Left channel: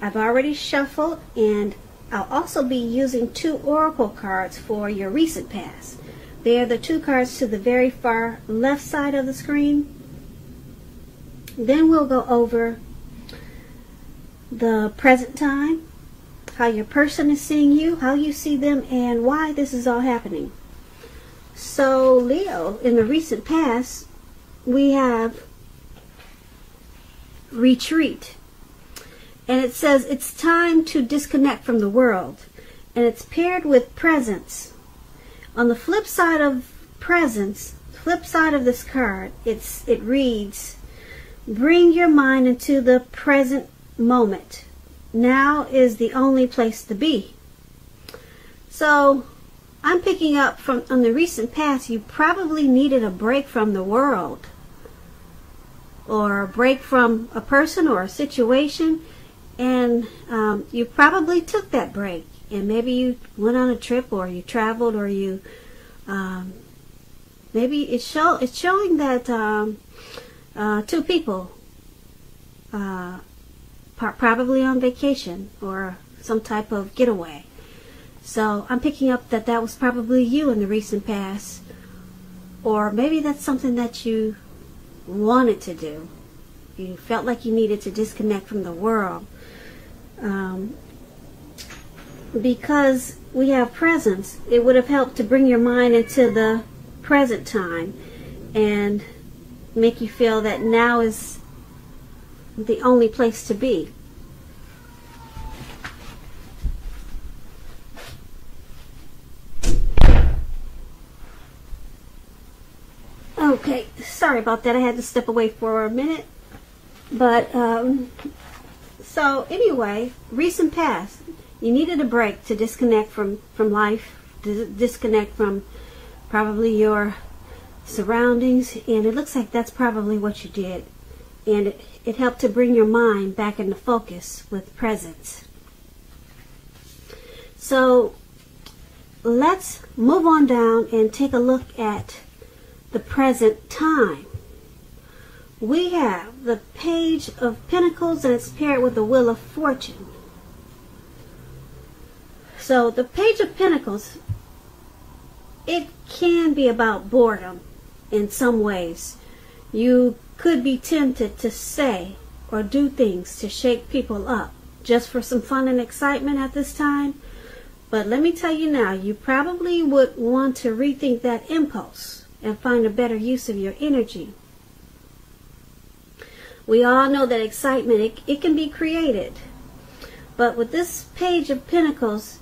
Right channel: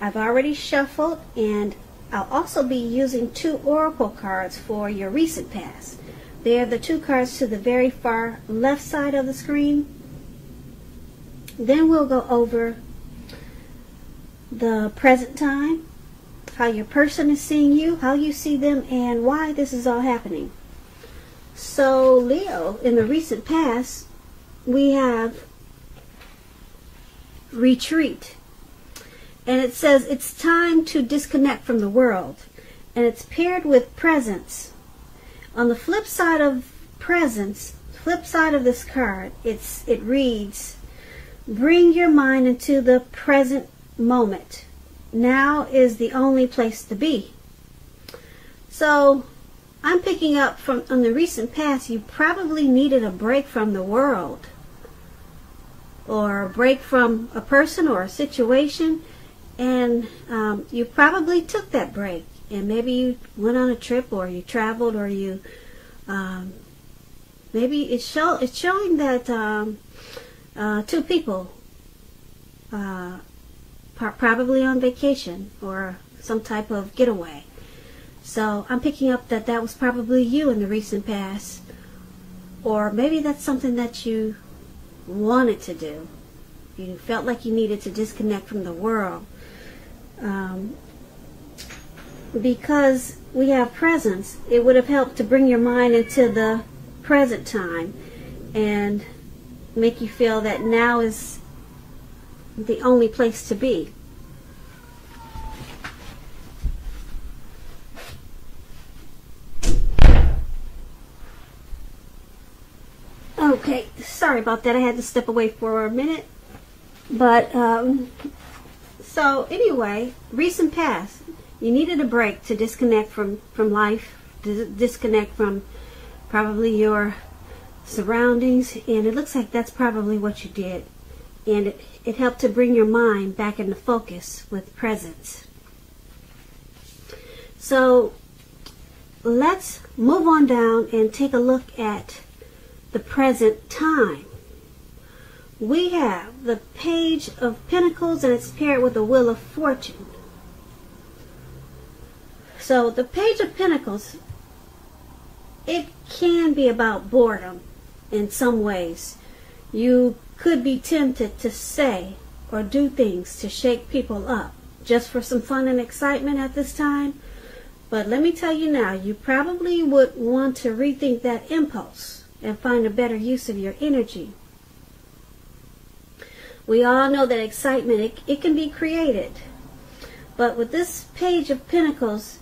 I've already shuffled, and I'll also be using 2 oracle cards for your recent past. They're the 2 cards to the very far left side of the screen. Then we'll go over the present time, how your person is seeing you, how you see them, and why this is all happening. So Leo, in the recent past, we have retreat. And it says it's time to disconnect from the world. And it's paired with presence. On the flip side of presence, flip side of this card, it reads, bring your mind into the present moment. Now is the only place to be. So I'm picking up from on the recent past, you probably needed a break from the world, or a break from a person or a situation, and you probably took that break, and maybe you went on a trip, or you traveled, or you maybe it's showing that 2 people probably on vacation or some type of getaway. So I'm picking up that was probably you in the recent past, or maybe that's something that you wanted to do. You felt like you needed to disconnect from the world. Because we have presence, it would have helped to bring your mind into the present time and make you feel that now is the only place to be. Okay, sorry about that. I had to step away for a minute. But, so anyway, recent past, you needed a break to disconnect from life, to disconnect from probably your surroundings, and it looks like that's probably what you did. And it helped to bring your mind back into focus with presence. So let's move on down and take a look at the present time. We have the Page of Pentacles, and it's paired with the Wheel of Fortune. So the Page of Pentacles, it can be about boredom in some ways. You could be tempted to say or do things to shake people up just for some fun and excitement at this time. But let me tell you now, you probably would want to rethink that impulse and find a better use of your energy. We all know that excitement, it can be created. But with this Page of Pentacles,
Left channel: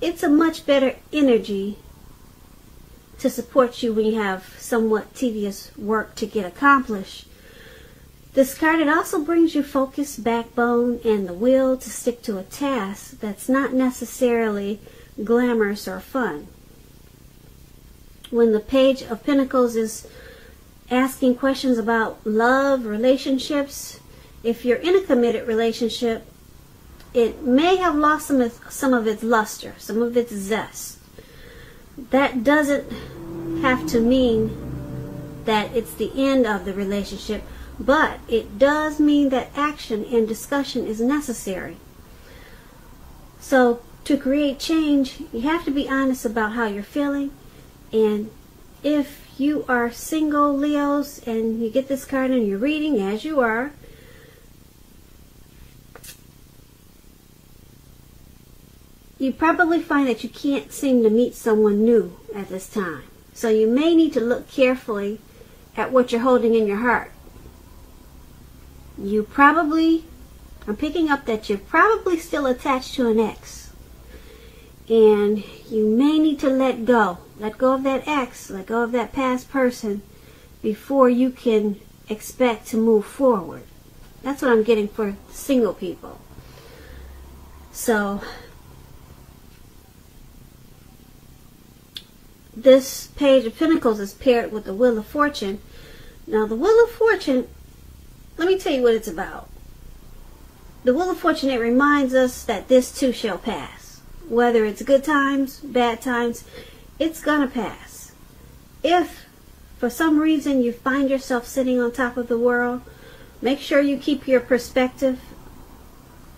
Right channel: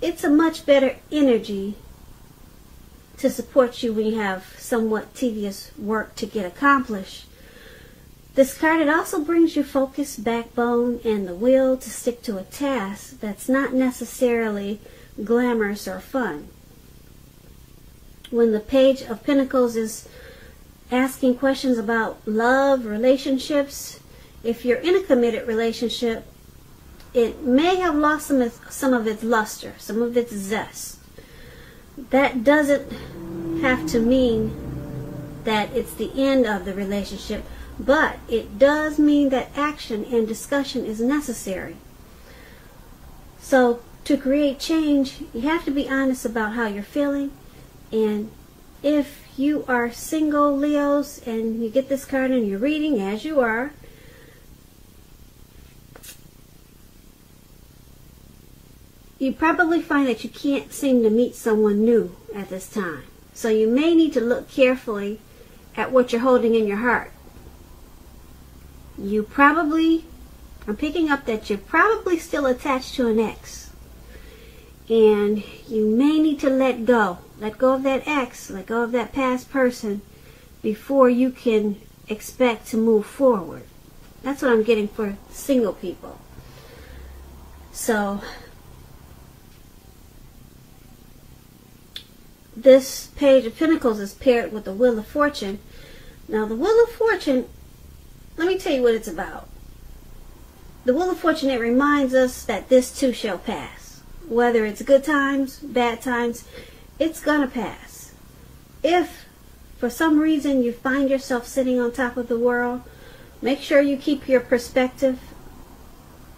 it's a much better energy to support you when you have somewhat tedious work to get accomplished. This card, it also brings you focus, backbone, and the will to stick to a task that's not necessarily glamorous or fun. When the Page of Pentacles is asking questions about love, relationships, if you're in a committed relationship, it may have lost some of its luster, some of its zest. That doesn't have to mean that it's the end of the relationship, but it does mean that action and discussion is necessary. So to create change, you have to be honest about how you're feeling. And if you are single, Leos, and you get this card in your reading, as you are, you probably find that you can't seem to meet someone new at this time. So you may need to look carefully at what you're holding in your heart. You probably, I'm picking up that you're probably still attached to an ex. And you may need to let go. Let go of that ex, let go of that past person before you can expect to move forward. That's what I'm getting for single people. So this Page of Pentacles is paired with the Wheel of Fortune. Now the Wheel of Fortune, let me tell you what it's about. The Wheel of Fortune, it reminds us that this too shall pass. Whether it's good times, bad times, it's gonna pass. If for some reason you find yourself sitting on top of the world, make sure you keep your perspective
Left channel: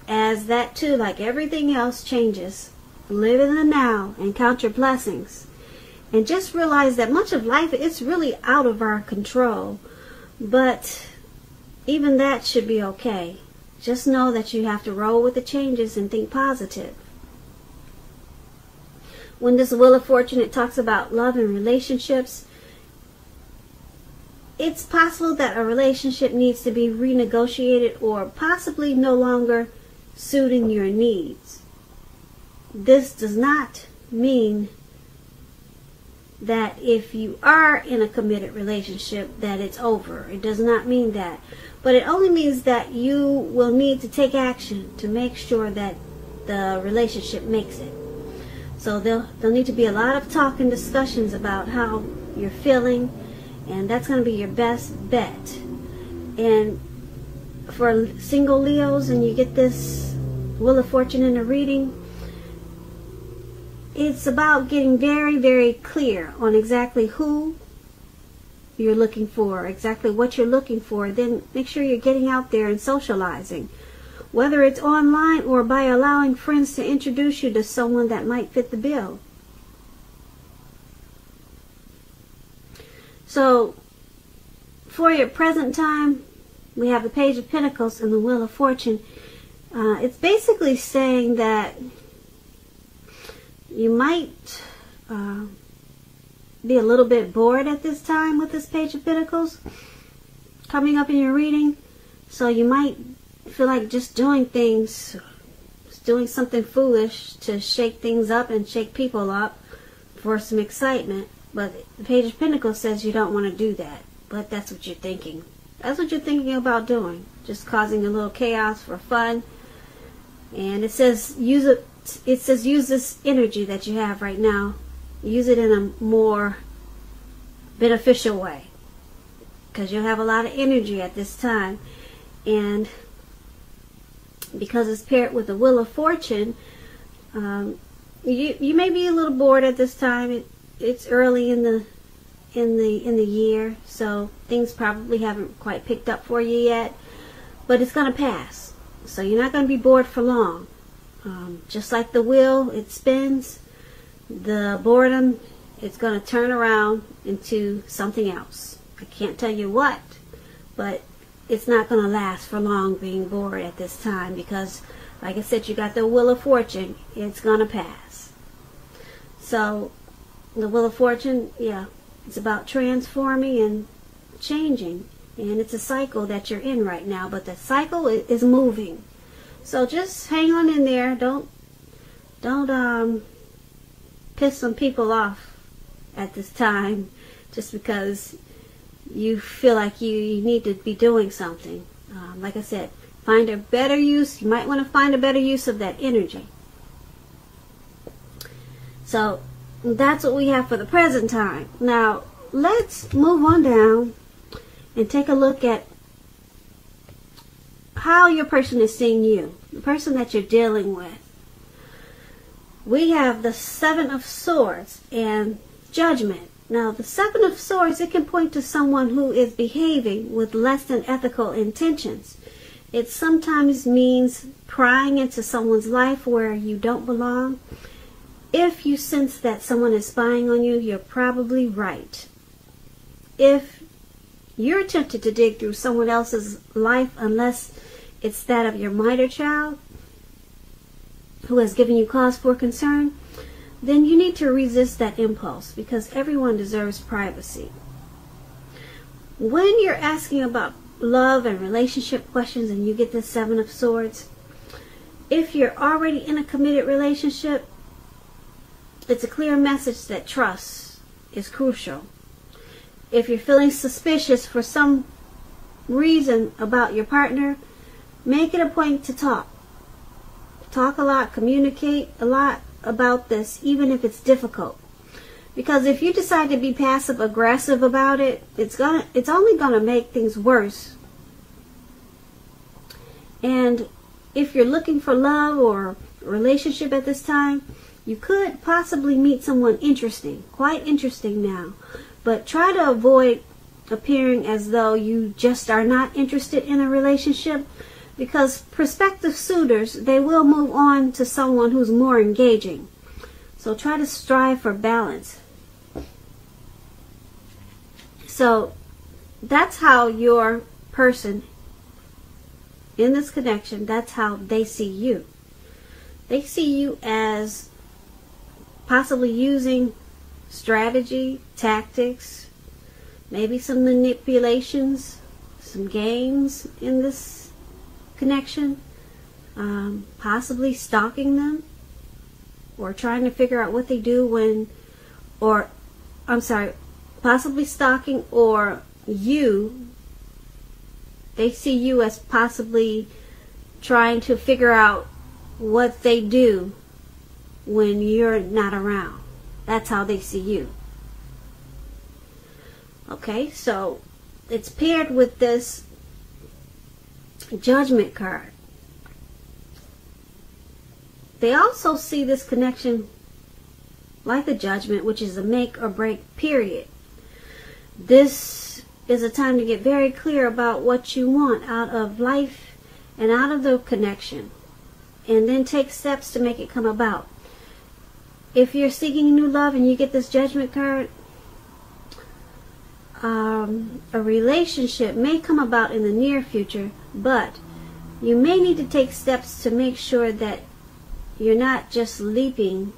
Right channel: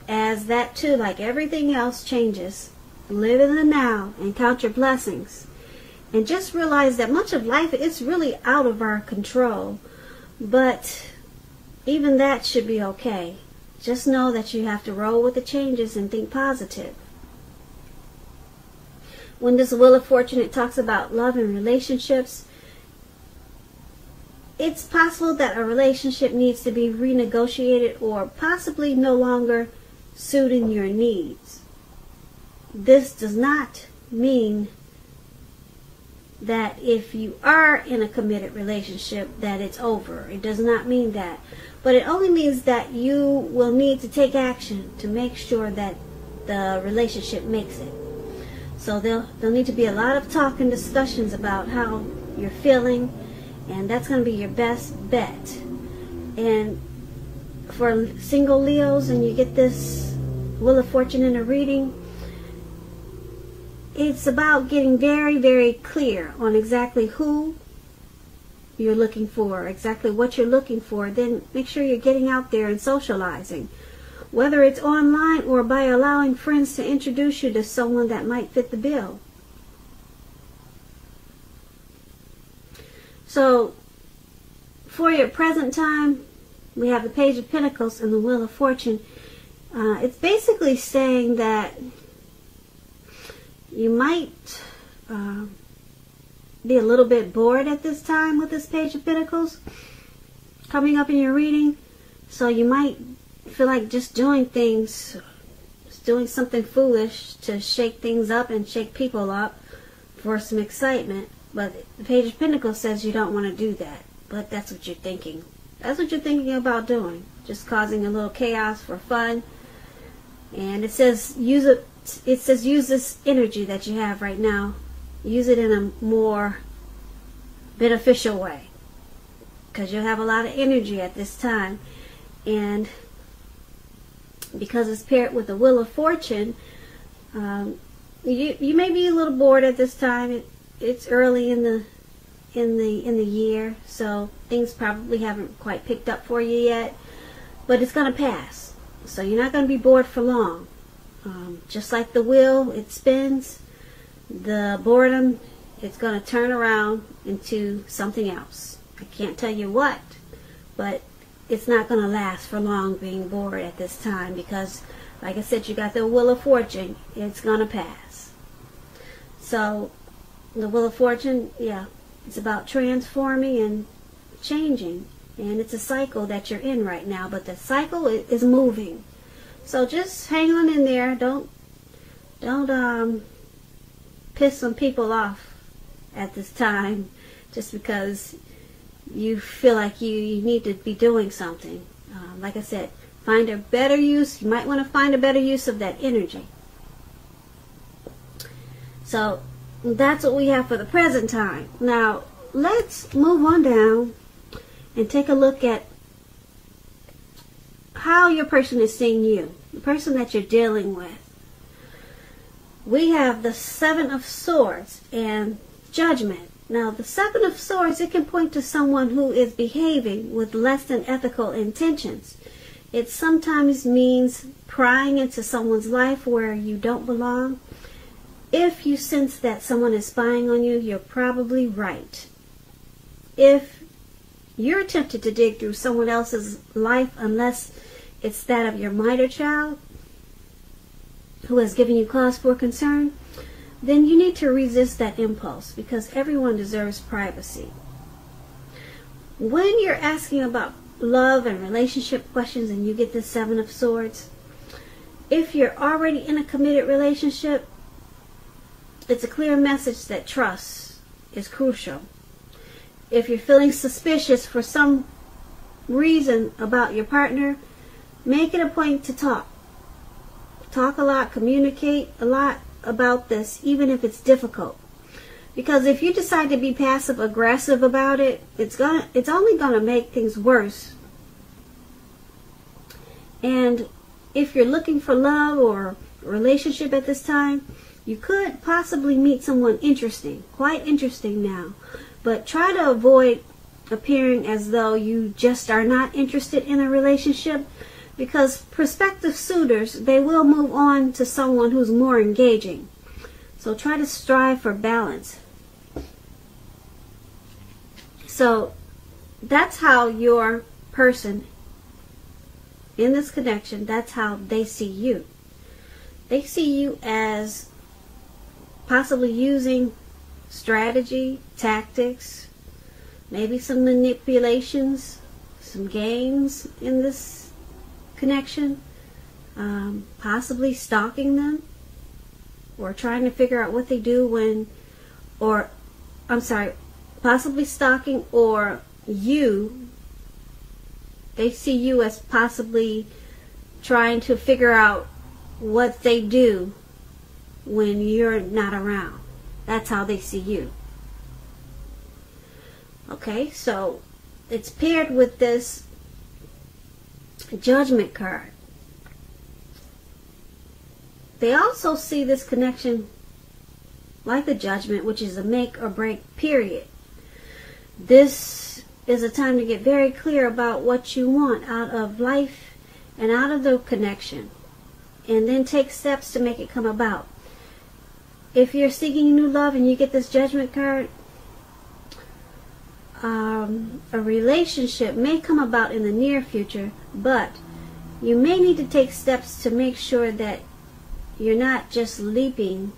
as that too, like everything else, changes. Live in the now and count your blessings. And just realize that much of life is really out of our control. But even that should be okay. Just know that you have to roll with the changes and think positive. When this Wheel of Fortune, it talks about love and relationships. It's possible that a relationship needs to be renegotiated or possibly no longer suiting your needs. This does not mean that if you are in a committed relationship that it's over. It does not mean that. But it only means that you will need to take action to make sure that the relationship makes it. So there'll need to be a lot of talk and discussions about how you're feeling, and that's going to be your best bet. And for single Leos, and you get this Wheel of Fortune in a reading, it's about getting very, very clear on exactly who you're looking for, exactly what you're looking for. Then make sure you're getting out there and socializing, whether it's online or by allowing friends to introduce you to someone that might fit the bill. So, for your present time, we have the Page of Pentacles and the Wheel of Fortune. It's basically saying that you might be a little bit bored at this time with this Page of Pentacles coming up in your reading. So you might feel like just doing things, just doing something foolish to shake things up and shake people up for some excitement. But the Page of Pentacles says you don't want to do that. But that's what you're thinking. That's what you're thinking about doing. Just causing a little chaos for fun. And it says use this energy that you have right now. Use it in a more beneficial way. Because you'll have a lot of energy at this time. And because it's paired with the Wheel of Fortune, you may be a little bored at this time. It's early in the year, so things probably haven't quite picked up for you yet. But it's going to pass. So you're not going to be bored for long. Just like the wheel, it spins. The boredom, it's going to turn around into something else. I can't tell you what, but it's not going to last for long being bored at this time because, like I said, you got the Wheel of Fortune. It's going to pass. So, the Wheel of Fortune, yeah, it's about transforming and changing. And it's a cycle that you're in right now, but the cycle is moving. So just hang on in there. Don't piss some people off at this time just because you feel like you need to be doing something. Like I said, find a better use. You might want to find a better use of that energy. So that's what we have for the present time. Now let's move on down and take a look at how your person is seeing you, the person that you're dealing with. We have the Seven of Swords and Judgment. Now, the Seven of Swords, it can point to someone who is behaving with less than ethical intentions. It sometimes means prying into someone's life where you don't belong. If you sense that someone is spying on you, you're probably right. If you're tempted to dig through someone else's life, unless it's that of your minor child who has given you cause for concern, then you need to resist that impulse because everyone deserves privacy. When you're asking about love and relationship questions and you get the Seven of Swords, if you're already in a committed relationship, it's a clear message that trust is crucial. If you're feeling suspicious for some reason about your partner, make it a point to talk. Talk a lot, communicate a lot about this, even if it's difficult. Because if you decide to be passive aggressive about it, it's only gonna make things worse. And if you're looking for love or a relationship at this time, you could possibly meet someone interesting, quite interesting now. But try to avoid appearing as though you just are not interested in a relationship, because prospective suitors, they will move on to someone who's more engaging. So try to strive for balance. So that's how your person in this connection, that's how they see you. They see you as possibly using strategy, tactics, maybe some manipulations, some games in this connection, possibly stalking them, or trying to figure out what they do when, or, I'm sorry, possibly stalking, or you, they see you as possibly trying to figure out what they do when you're not around. That's how they see you. Okay, so it's paired with this Judgment card. They also see this connection like the Judgment, which is a make or break period. This is a time to get very clear about what you want out of life and out of the connection, and then take steps to make it come about. If you're seeking new love and you get this Judgment card, a relationship may come about in the near future, but you may need to take steps to make sure that you're not just leaping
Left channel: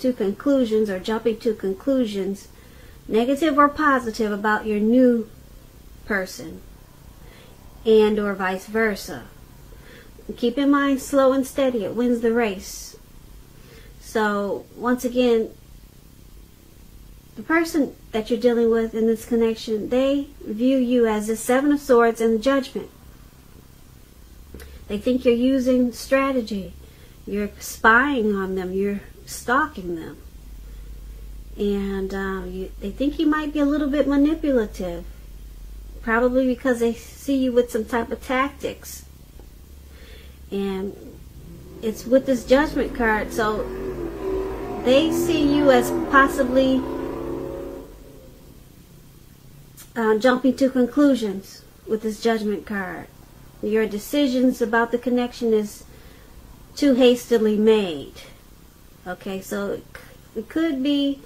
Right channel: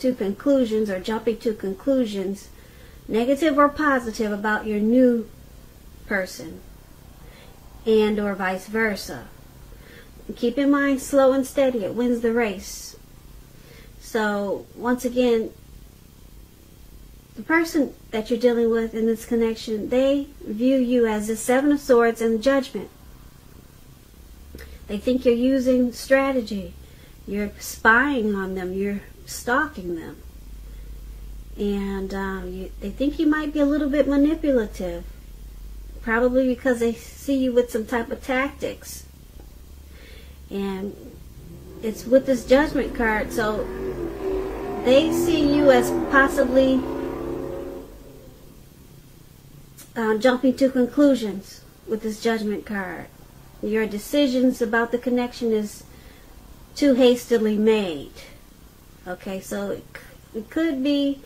to conclusions or jumping to conclusions, negative or positive, about your new person, and or vice versa. Keep in mind, slow and steady, it wins the race. So once again, the person that you're dealing with in this connection, they view you as the Seven of Swords and Judgment. They think you're using strategy. You're spying on them. You're stalking them. And they think you might be a little bit manipulative. Probably because they see you with some type of tactics. And it's with this Judgment card. So they see you as possibly jumping to conclusions with this Judgment card. Your decisions about the connection is too hastily made. Okay, so it could be,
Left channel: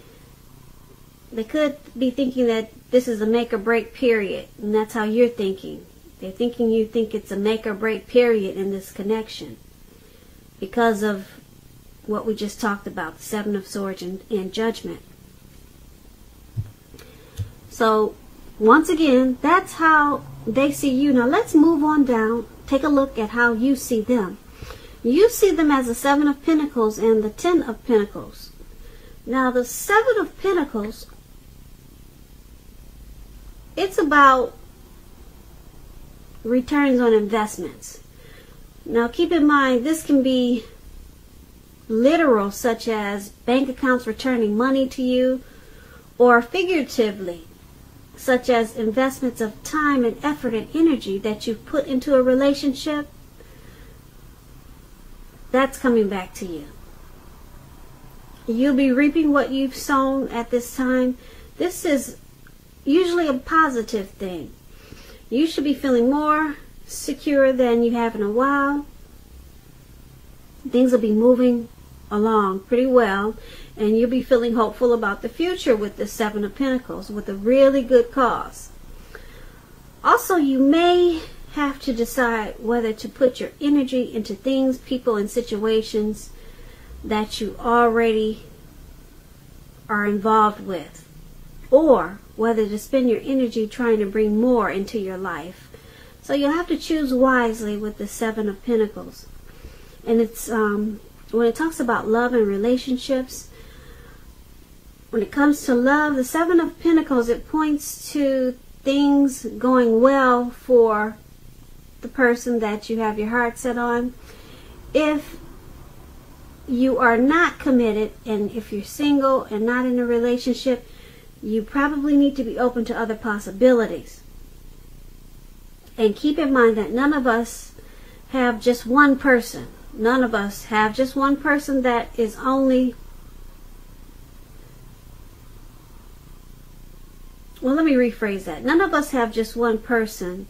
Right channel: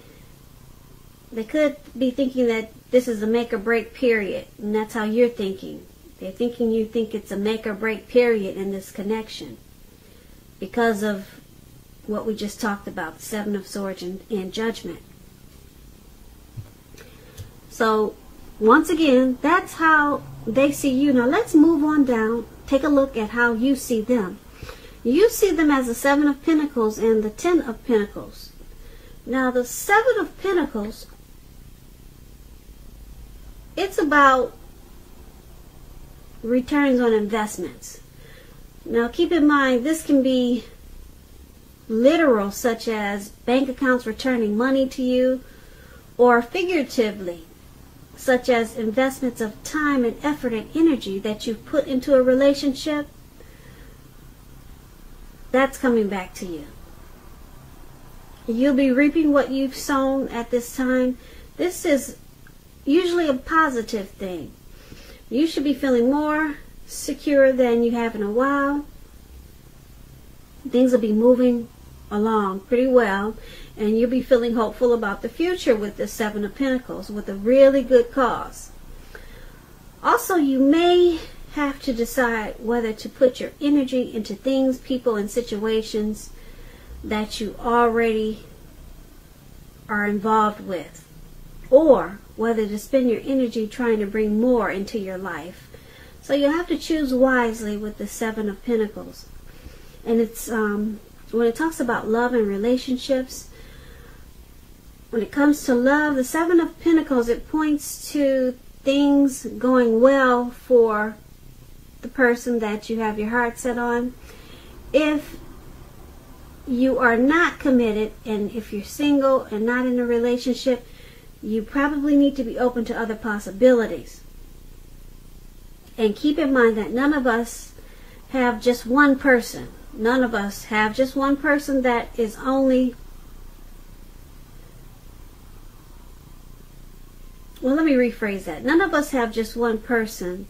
they could be thinking that this is a make or break period, and that's how you're thinking. They're thinking you think it's a make or break period in this connection because of what we just talked about, the Seven of Swords and Judgment. So once again, that's how they see you. Now let's move on down. Take a look at how you see them. You see them as the Seven of Pentacles and the Ten of Pentacles. Now the Seven of Pentacles, it's about returns on investments. Now keep in mind, this can be literal, such as bank accounts returning money to you, or figuratively, such as investments of time and effort and energy that you've put into a relationship. That's coming back to you. You'll be reaping what you've sown at this time. This is usually a positive thing. You should be feeling more secure than you have in a while. Things will be moving along pretty well, and you'll be feeling hopeful about the future with the Seven of Pentacles, with a really good cause. Also, you may have to decide whether to put your energy into things, people, and situations that you already are involved with, or whether to spend your energy trying to bring more into your life. So you'll have to choose wisely with the Seven of Pentacles. And it's when it talks about love and relationships, when it comes to love, the Seven of Pentacles, it points to things going well for the person that you have your heart set on. If you are not committed, and if you're single and not in a relationship, you probably need to be open to other possibilities. And keep in mind that none of us have just one person. None of us have just one person that is only, well, let me rephrase that. None of us have just one person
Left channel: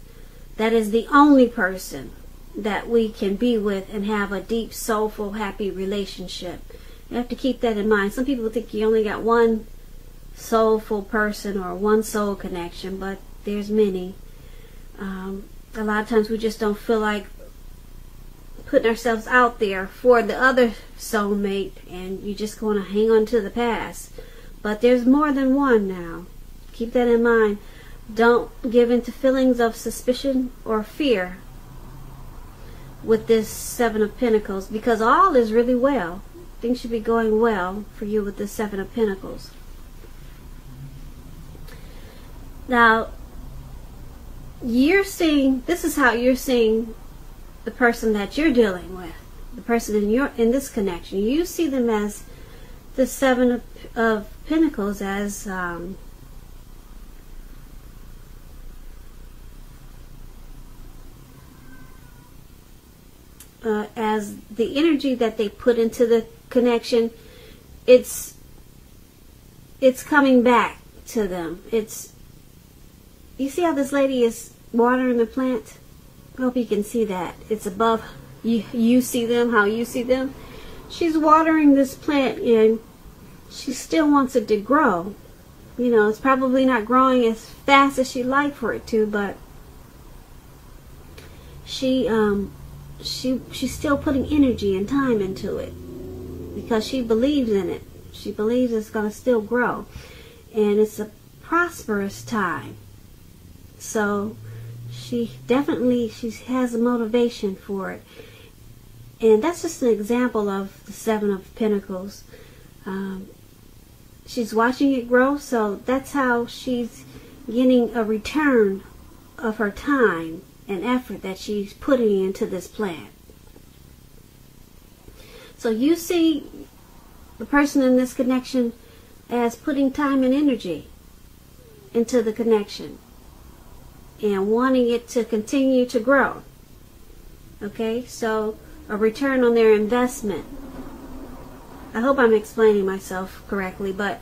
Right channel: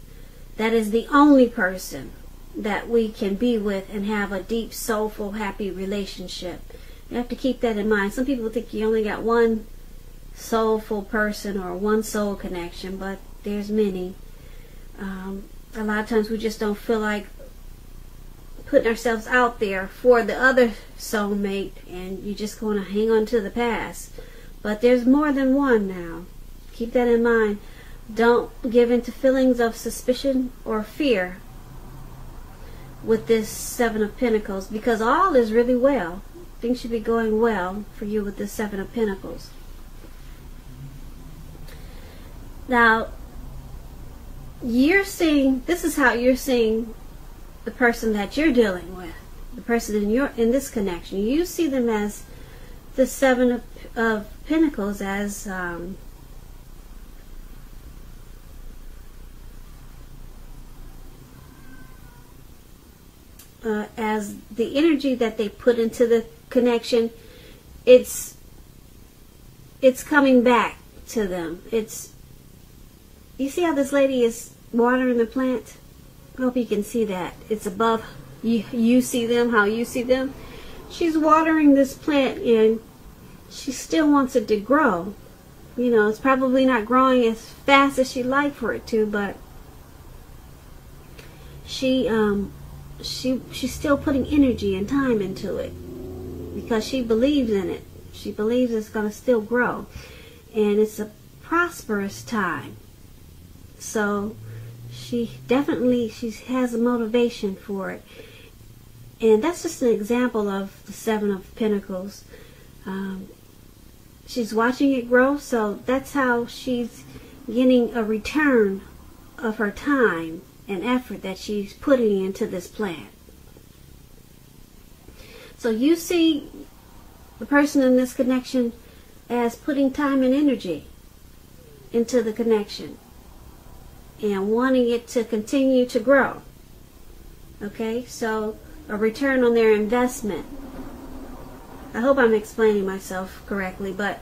that is the only person that we can be with and have a deep, soulful, happy relationship. You have to keep that in mind. Some people think you only got one soulful person or one soul connection, but there's many. A lot of times we just don't feel like putting ourselves out there for the other soulmate, and you're just going to hang on to the past. But there's more than one now. Keep that in mind. Don't give in to feelings of suspicion or fear with this Seven of Pentacles, because all is really well. Things should be going well for you with this Seven of Pentacles. Now, this is how you're seeing the person that you're dealing with, the person in this connection. You see them as the Seven of Pentacles as the energy that they put into the connection. It's coming back to them. You see how this lady is watering the plant? I hope you can see that. It's above you see them, how you see them. She's watering this plant and she still wants it to grow. You know, it's probably not growing as fast as she'd like for it to, but she's still putting energy and time into it because she believes in it. She believes it's going to still grow, and it's a prosperous time. So she has a motivation for it, and that's just an example of the Seven of Pentacles. She's watching it grow, so that's how she's getting a return of her time and effort that she's putting into this plant. So you see the person in this connection as putting time and energy into the connection and wanting it to continue to grow. Okay, so a return on their investment. I hope I'm explaining myself correctly, but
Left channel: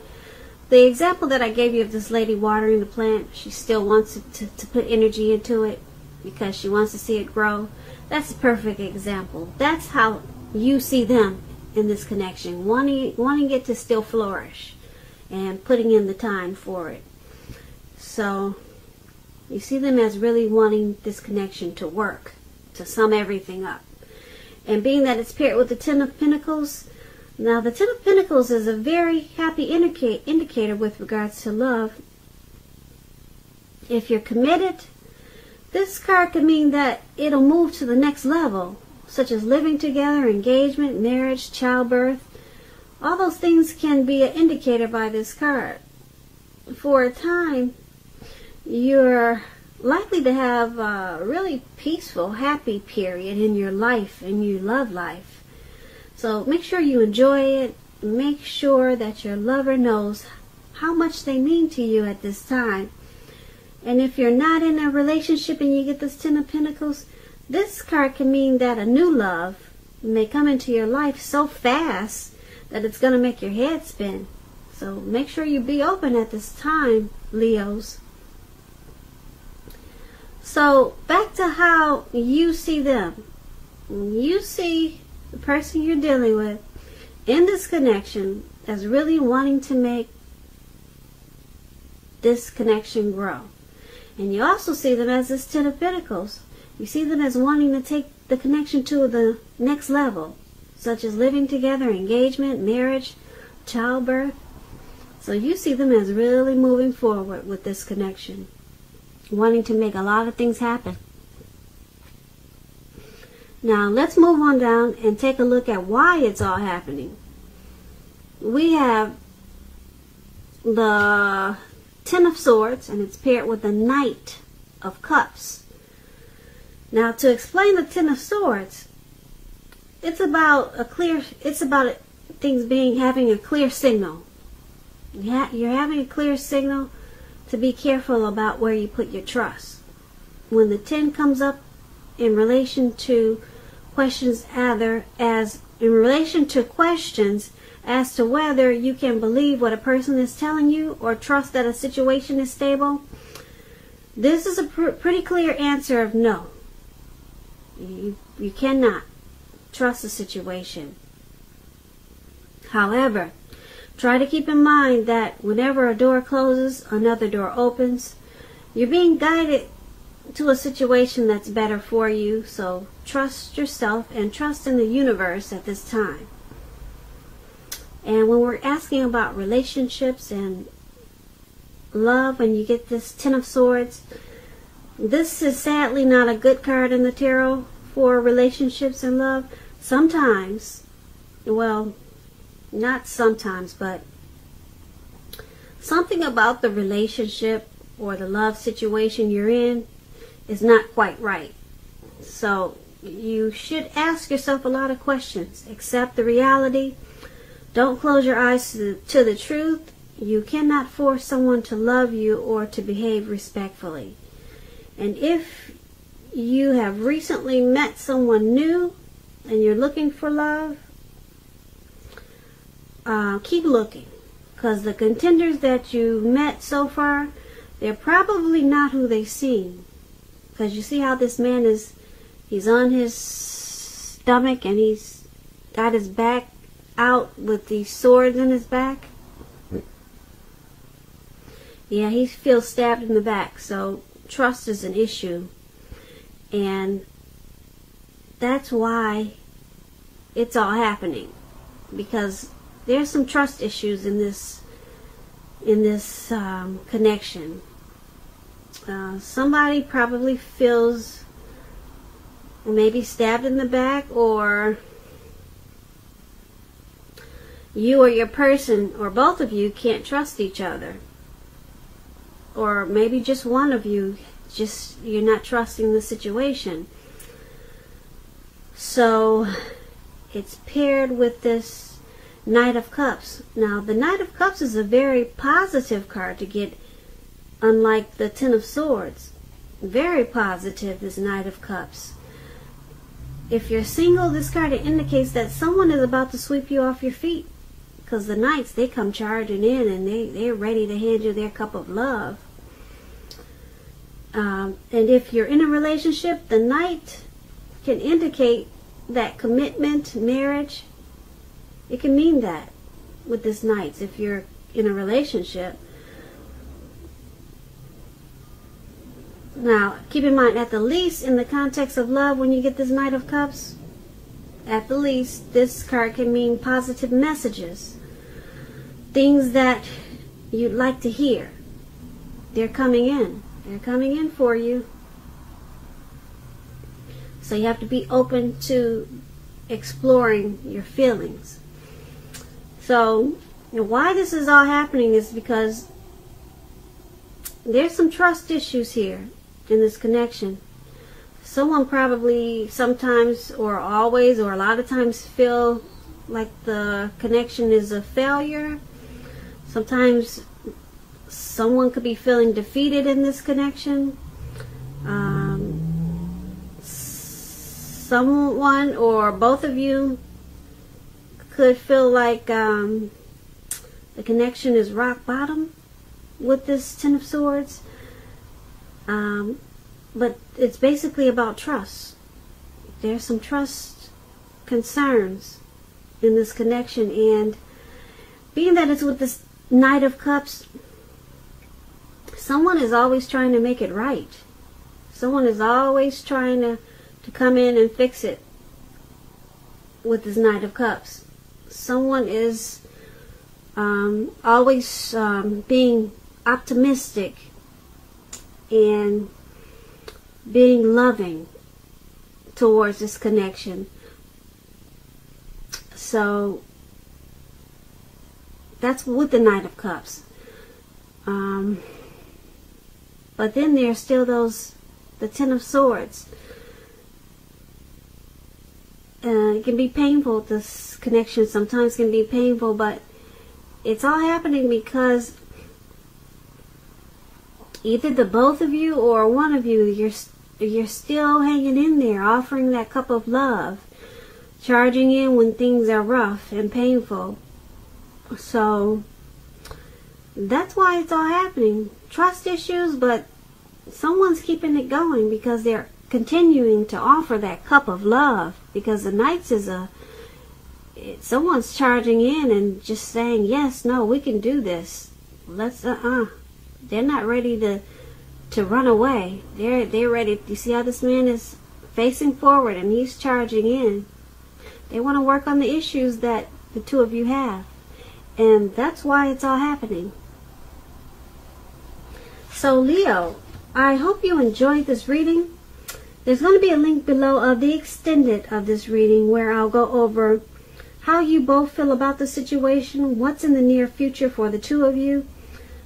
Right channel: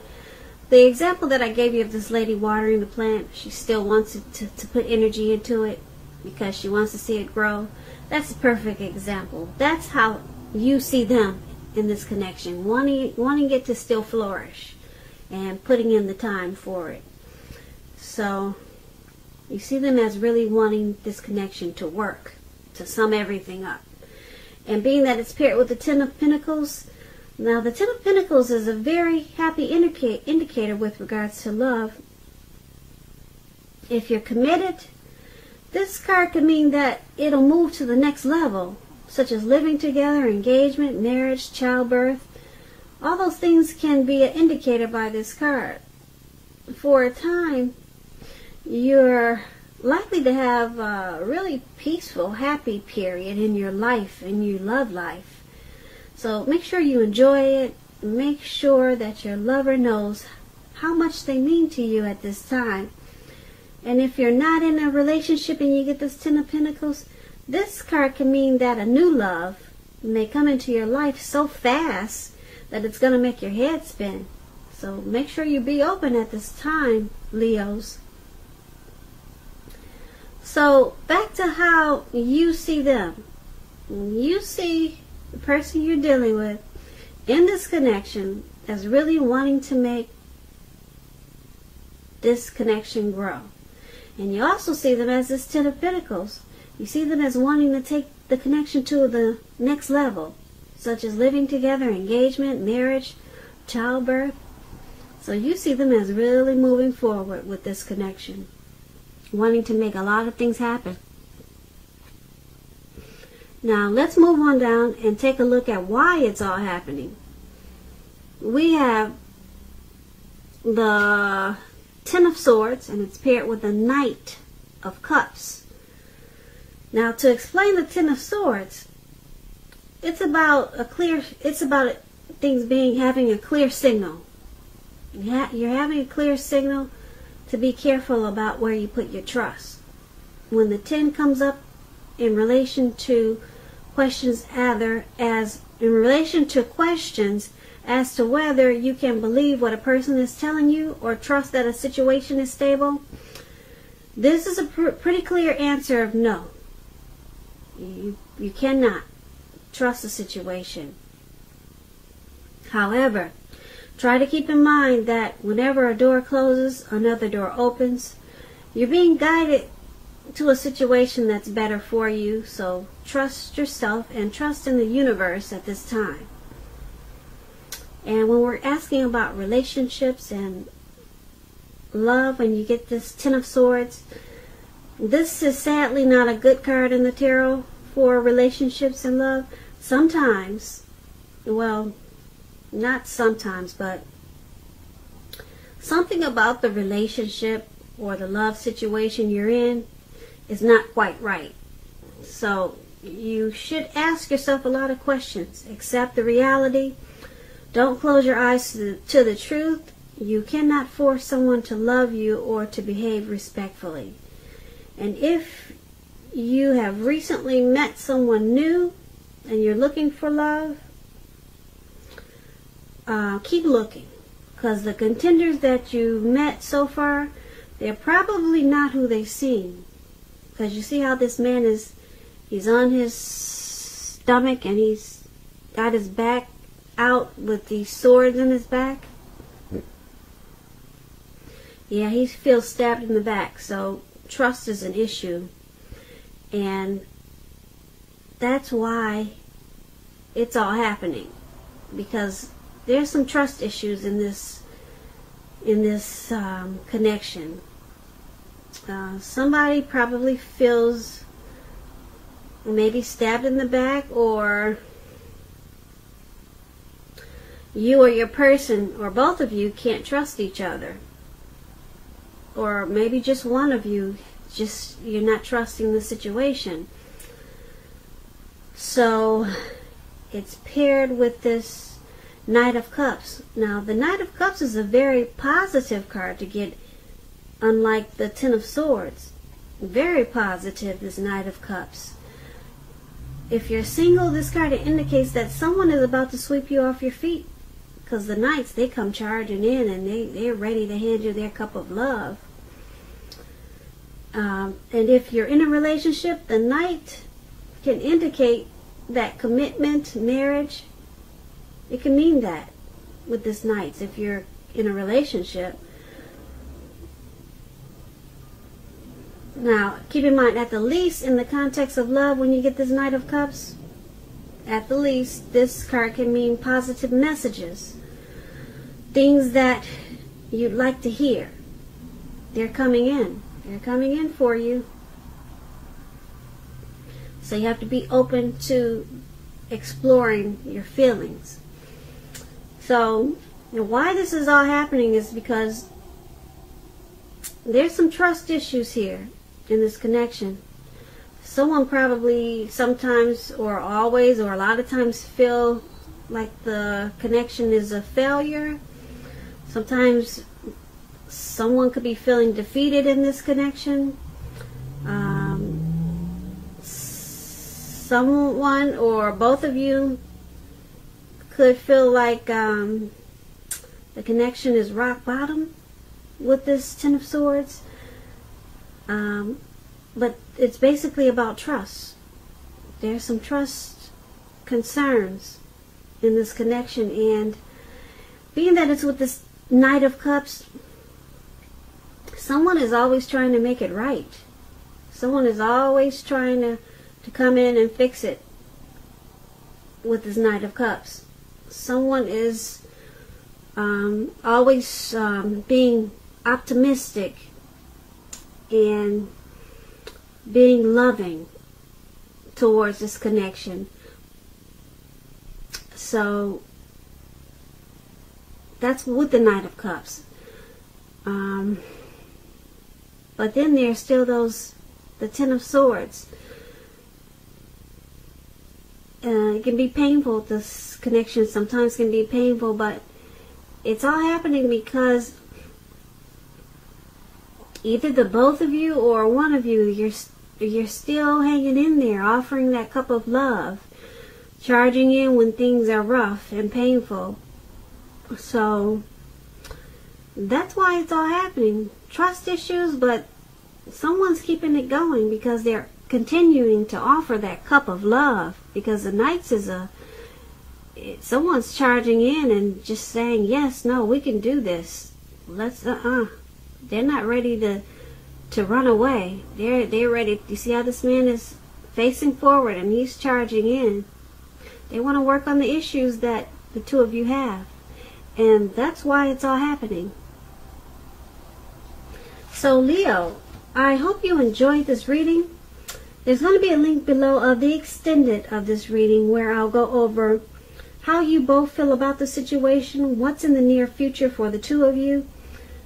the example that I gave you of this lady watering the plant, she still wants it to put energy into it because she wants to see it grow. That's a perfect example. That's how you see them in this connection, wanting it to still flourish and putting in the time for it. So you see them as really wanting this connection to work, to sum everything up. And being that it's paired with the Ten of Pentacles, now the Ten of Pentacles is a very happy indicator with regards to love. If you're committed, this card could mean that it'll move to the next level, such as living together, engagement, marriage, childbirth. All those things can be an indicator by this card. For a time, you're likely to have a really peaceful, happy period in your life, in your love life. So make sure you enjoy it. Make sure that your lover knows how much they mean to you at this time. And if you're not in a relationship and you get this Ten of Pentacles, this card can mean that a new love may come into your life so fast that it's going to make your head spin. So make sure you be open at this time, Leos. So back to how you see them. You see the person you're dealing with in this connection as really wanting to make this connection grow. And you also see them as this Ten of Pentacles. You see them as wanting to take the connection to the next level, such as living together, engagement, marriage, childbirth. So you see them as really moving forward with this connection, wanting to make a lot of things happen. Now let's move on down and take a look at why it's all happening. We have the Ten of Swords, and it's paired with the Knight of Cups. Now, to explain the Ten of Swords, it's about things having a clear signal. You're having a clear signal to be careful about where you put your trust. When the 10 comes up in relation to questions as to whether you can believe what a person is telling you or trust that a situation is stable, this is a pretty clear answer of no. You cannot trust the situation. However, try to keep in mind that whenever a door closes, another door opens. You're being guided to a situation that's better for you. So trust yourself and trust in the universe at this time. And when we're asking about relationships and love, and you get this Ten of Swords, this is sadly not a good card in the tarot for relationships and love. Sometimes, well, not sometimes, but something about the relationship or the love situation you're in is not quite right. So you should ask yourself a lot of questions. Accept the reality. Don't close your eyes to the truth. You cannot force someone to love you or to behave respectfully. And if you have recently met someone new and you're looking for love, keep looking. Because the contenders that you've met so far, they're probably not who they seem. Because you see how this man he's on his stomach and he's got his back out with these swords in his back. Yeah, he feels stabbed in the back. So trust is an issue. And that's why it's all happening. Because there's some trust issues in this connection. Somebody probably feels maybe stabbed in the back, or you or your person, or both of you, can't trust each other. Or maybe just one of you, you're not trusting the situation. So it's paired with this Knight of Cups. Now, the Knight of Cups is a very positive card to get, unlike the Ten of Swords. Very positive, this Knight of Cups. If you're single, this card indicates that someone is about to sweep you off your feet. Because the Knights, they come charging in and they're ready to hand you their cup of love. And if you're in a relationship, the Knight can indicate that commitment, marriage. It can mean that with this Knights if you're in a relationship. Now, keep in mind, at the least, in the context of love, when you get this Knight of Cups, at the least, this card can mean positive messages. Things that you'd like to hear. They're coming in. They're coming in for you. So you have to be open to exploring your feelings. So, why this is all happening is because there's some trust issues here in this connection. Someone probably sometimes or always or a lot of times feel like the connection is a failure. Sometimes someone could be feeling defeated in this connection. Someone or both of you could feel like the connection is rock bottom with this Ten of Swords. But it's basically about trust. There's some trust concerns in this connection, and being that it's with this Knight of Cups, someone is always trying to make it right. Someone is always trying to come in and fix it with this Knight of Cups. Someone is always being optimistic and being loving towards this connection. So that's with the Knight of Cups. But then there's still the Ten of Swords. It can be painful, this connection sometimes can be painful, but it's all happening because either the both of you or one of you, you're still hanging in there, offering that cup of love, charging in when things are rough and painful. So that's why it's all happening. Trust issues, but someone's keeping it going because they're continuing to offer that cup of love, because the Knights is someone's charging in and just saying, yes, no, we can do this. Let's, they're not ready to run away. They're ready. You see how this man is facing forward and he's charging in. They want to work on the issues that the two of you have. And that's why it's all happening. So Leo, I hope you enjoyed this reading. There's going to be a link below of the extended of this reading where I'll go over how you both feel about the situation, what's in the near future for the two of you,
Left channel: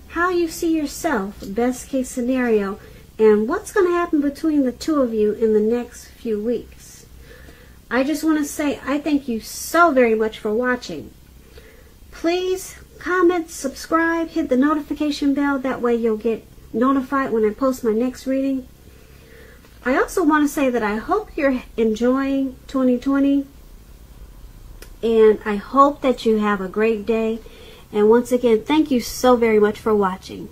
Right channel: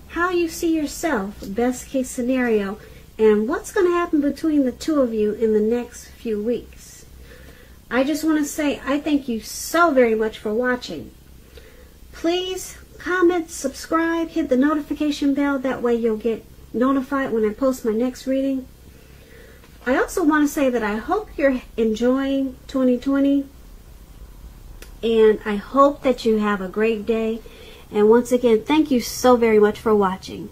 how you see yourself, best case scenario, and what's going to happen between the two of you in the next few weeks. I just want to say I thank you so very much for watching. Please comment, subscribe, hit the notification bell. That way you'll get notified when I post my next reading. I also want to say that I hope you're enjoying 2020. And I hope that you have a great day. And once again, thank you so very much for watching.